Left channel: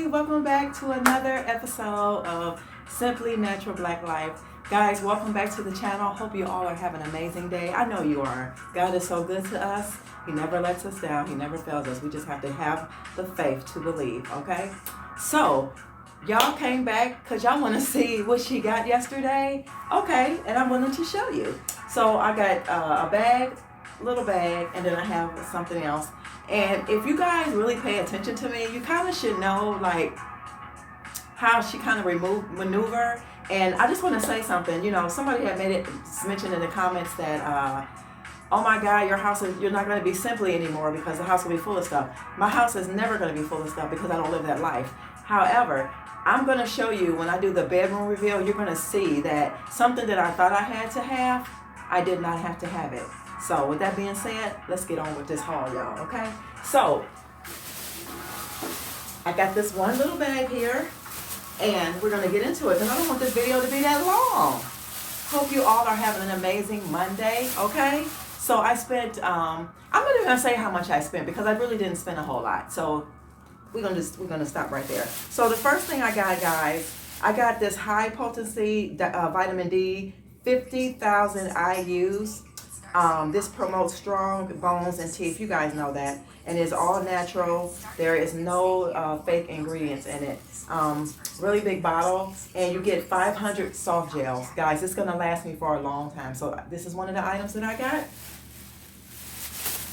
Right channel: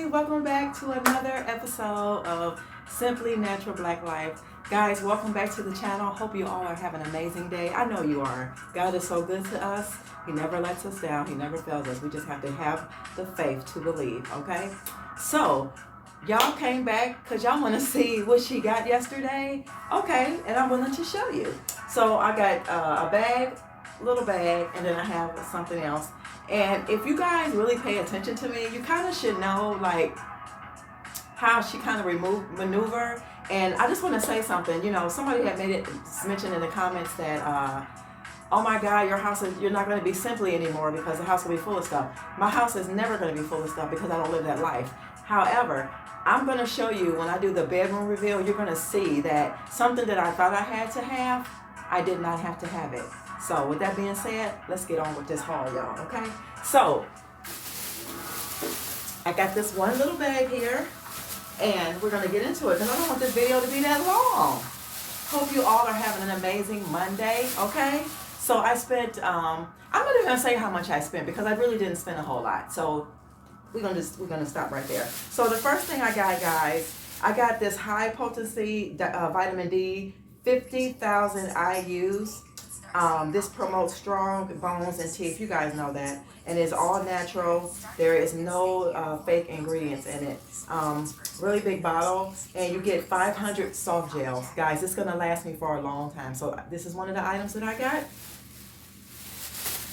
Hey, welcome back to another episode of Simply Natural Black Life. Guys, welcome back to the channel. Hope you all are having an amazing day. I know you are. God is so good to us. He never lets us down. He never fails us. We just have to have the faith to believe, okay? So, y'all came back because y'all want to see what she got yesterday. Okay, and I'm willing to show you. So, I got a bag, little bag, and then I have something else. And if you guys really pay attention to me, you kind of should know like how she kind of maneuver. And I just want to say something. You know, somebody had made it mentioned in the comments that, oh my God, you're not going to be simply anymore because the house will be full of stuff. My house is never going to be full of stuff because I don't live that life. However, I'm going to show you when I do the bedroom reveal, you're going to see that something that I thought I had to have, I did not have to have it. So with that being said, let's get on with this haul, y'all, okay? So, I got this one little bag here, and we're going to get into it because I don't want this video to be that long. Hope you all are having an amazing Monday, okay? So I spent, I'm not even going to say how much I spent because I really didn't spend a whole lot. So we're gonna stop right there. So the first thing I got, guys, I got this high potency vitamin D, 50,000 IUs. This promotes strong bones and teeth. You guys know that. And it's all natural. There is no fake ingredients in it. Really big bottle. And you get 500 soft gels. Guys, it's going to last me for a long time. So this is one of the items that I got.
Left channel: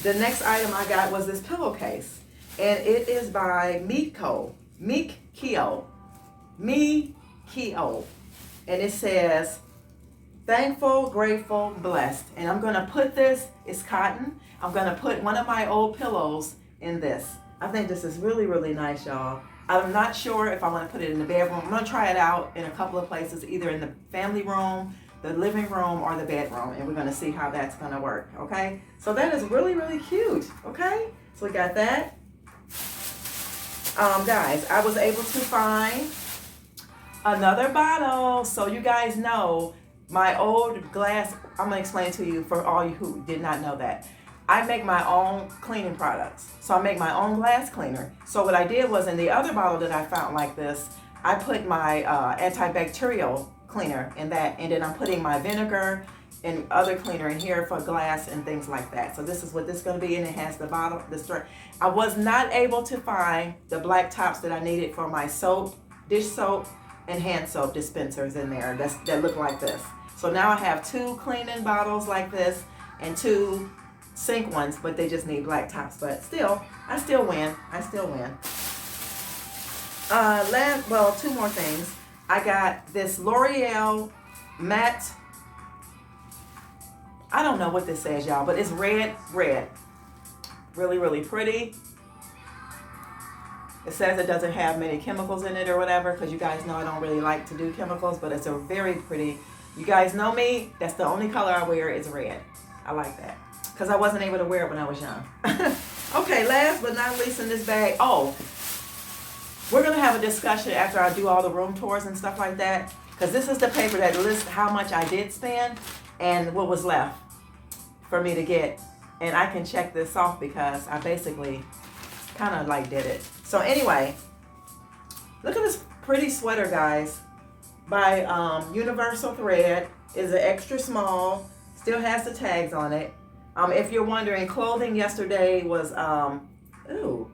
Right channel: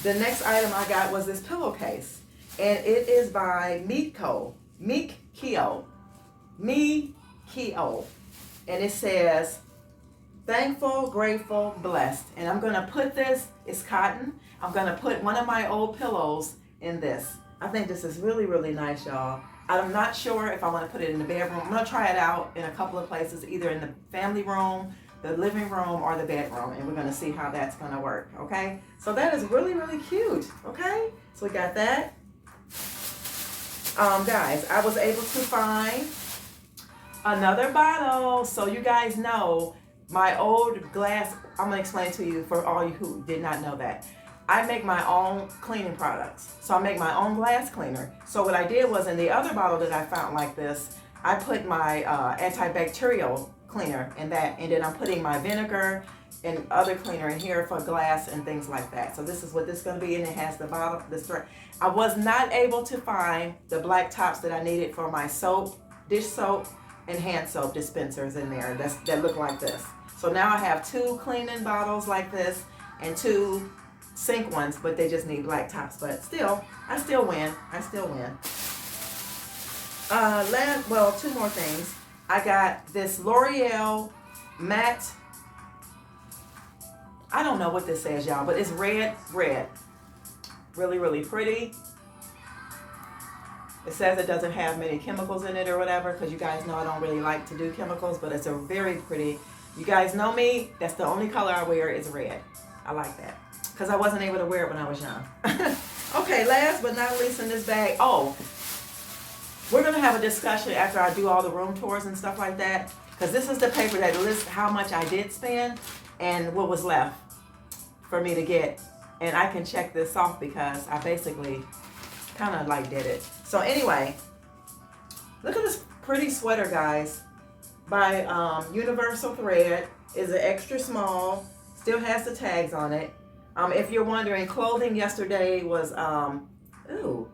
The next item I got was this pillowcase. And it is by Meekko. Meekko. And it says, thankful, grateful, blessed. And I'm going to put this, it's cotton. I'm going to put one of my old pillows in this. I think this is really, really nice, y'all. I'm not sure if I want to put it in the bedroom. I'm going to try it out in a couple of places, either in the family room, the living room, or the bedroom. And we're going to see how that's going to work, okay? So that is really, really cute, okay? So we got that. Guys, I was able to find another bottle. So you guys know, my old glass, I'm going to explain to you for all you who did not know that. I make my own cleaning products. So I make my own glass cleaner. So what I did was in the other bottle that I found like this, I put my antibacterial cleaner in that, and then I'm putting my vinegar and other cleaner in here for glass and things like that. So this is what this is going to be, and it has the bottle, the strength. I was not able to find the black tops that I needed for my soap, dish soap, and hand soap dispensers in there that look like this. So now I have two cleaning bottles like this and two sink ones, but they just need black tops. But still, I still win. Two more things. I got this L'Oreal matte. I don't know what this says, y'all, but it's red. Really, really pretty. It says it doesn't have many chemicals in it or whatever, because you guys know I don't really like to do chemicals, but it's a very pretty. You guys know me, that's the only color I wear is red. I like that, because I wasn't able to wear it when I was young. Okay, last but not least in this bag, we're going to have a discussion after I do all the room tours and stuff like that, because this is the paper that lists how much I did spend and what was left for me to get. And I can check this off because I basically kind of like did it. So anyway, look at this pretty sweater, guys, by Universal Thread. Is an extra small, still has the tags on it. If you're wondering, clothing yesterday was, ooh,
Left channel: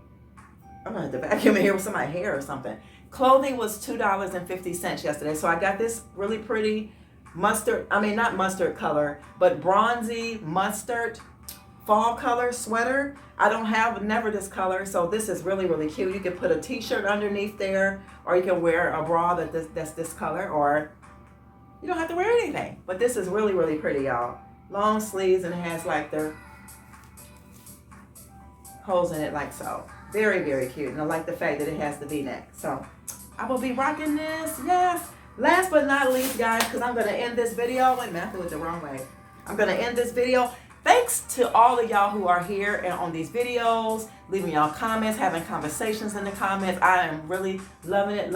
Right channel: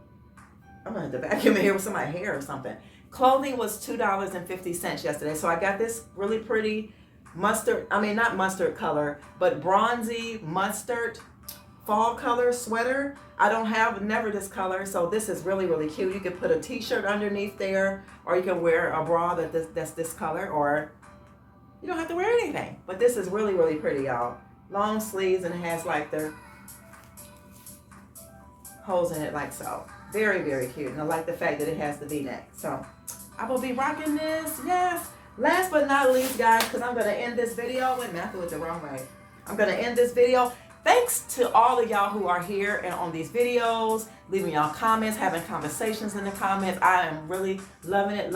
I'm gonna have to vacuum in here with some of my hair or something. Clothing was $2.50 yesterday. So I got this really pretty not mustard color, but bronzy mustard fall color sweater. I don't have never this color, so this is really, really cute. You can put a t-shirt underneath there, or you can wear a bra that's this color, or you don't have to wear anything. But this is really, really pretty, y'all. Long sleeves, and it has like the holes in it like so. Very, very cute. And I like the fact that it has the V-neck. So I will be rocking this, yes. Last but not least, guys, because I'm going to end this video. Wait a minute, I threw it the wrong way. I'm going to end this video. Thanks to all of y'all who are here and on these videos, leaving y'all comments, having conversations in the comments. I am really loving it.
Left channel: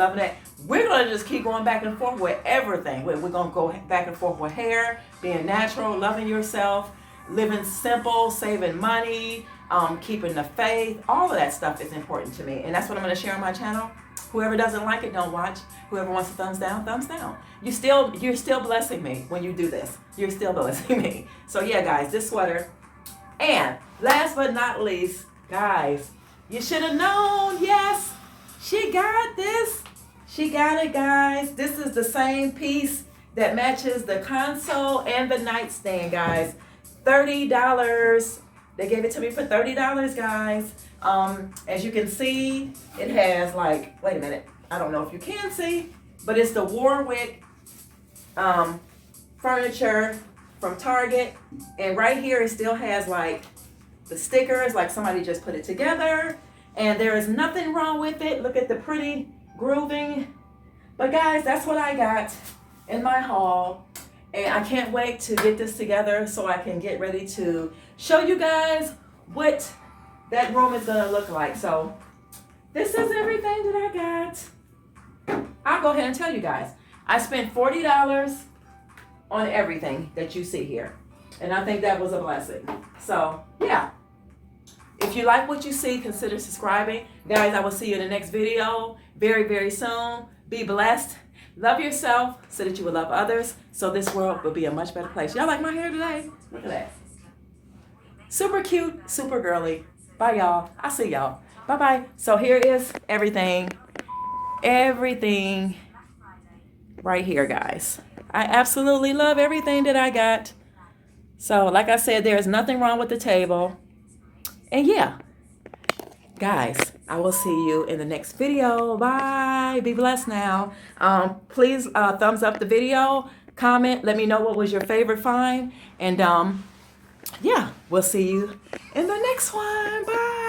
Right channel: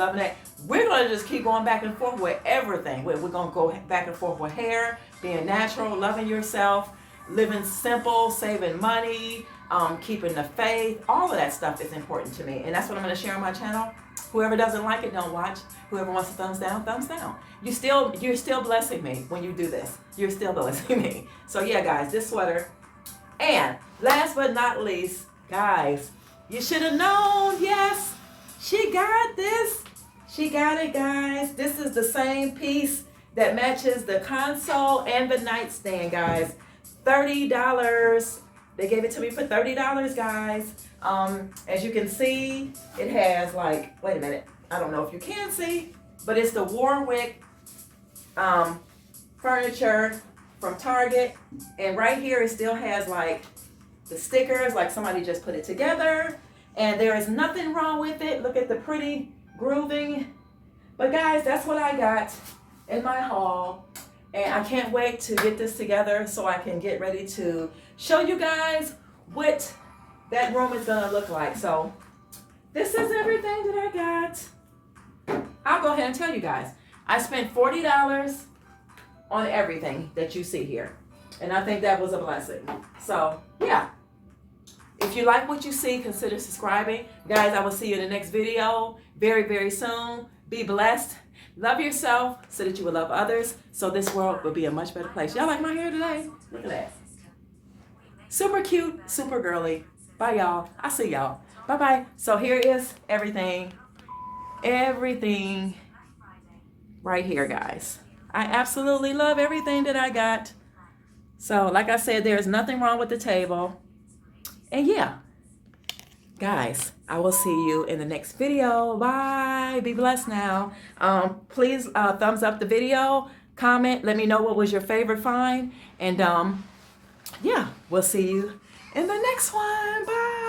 We're going to just keep going back and forth with everything. We're going to go back and forth with hair, being natural, loving yourself, living simple, saving money, keeping the faith. All of that stuff is important to me. And that's what I'm going to share on my channel. Whoever doesn't like it, don't watch. Whoever wants a thumbs down, thumbs down. You're still blessing me when you do this. You're still blessing me. So yeah, guys, this sweater. And last but not least, guys, you should have known. Yes, she got this. She got it, guys. This is the same piece that matches the console and the nightstand, guys. $30. They gave it to me for $30, guys. As you can see, it has like, wait a minute. I don't know if you can see, but it's the Warwick furniture from Target. And right here, it still has like the stickers, like somebody just put it together. And there is nothing wrong with it. Look at the pretty grooving. But guys, that's what I got in my haul. And I can't wait to get this together so I can get ready to show you guys what that room is gonna look like. So this is everything that I got. I'll go ahead and tell you guys. I spent $40 on everything that you see here. And I think that was a blessing. So yeah. If you like what you see, consider subscribing. Guys, I will see you in the next video very, very soon. Be blessed. Love yourself so that you will love others. So this world will be a much better place. Y'all like my hair today? Look at that. Super cute, super girly. Bye, y'all. I'll see y'all. Bye-bye. So here is everything. Everything right here, guys. I absolutely love everything that I got. So like I said, there is nothing wrong with the table. And yeah, guys, I will see you in the next video. Bye. Be blessed now. Please thumbs up the video, comment, let me know what was your favorite find. And yeah, we'll see you in the next one. Bye.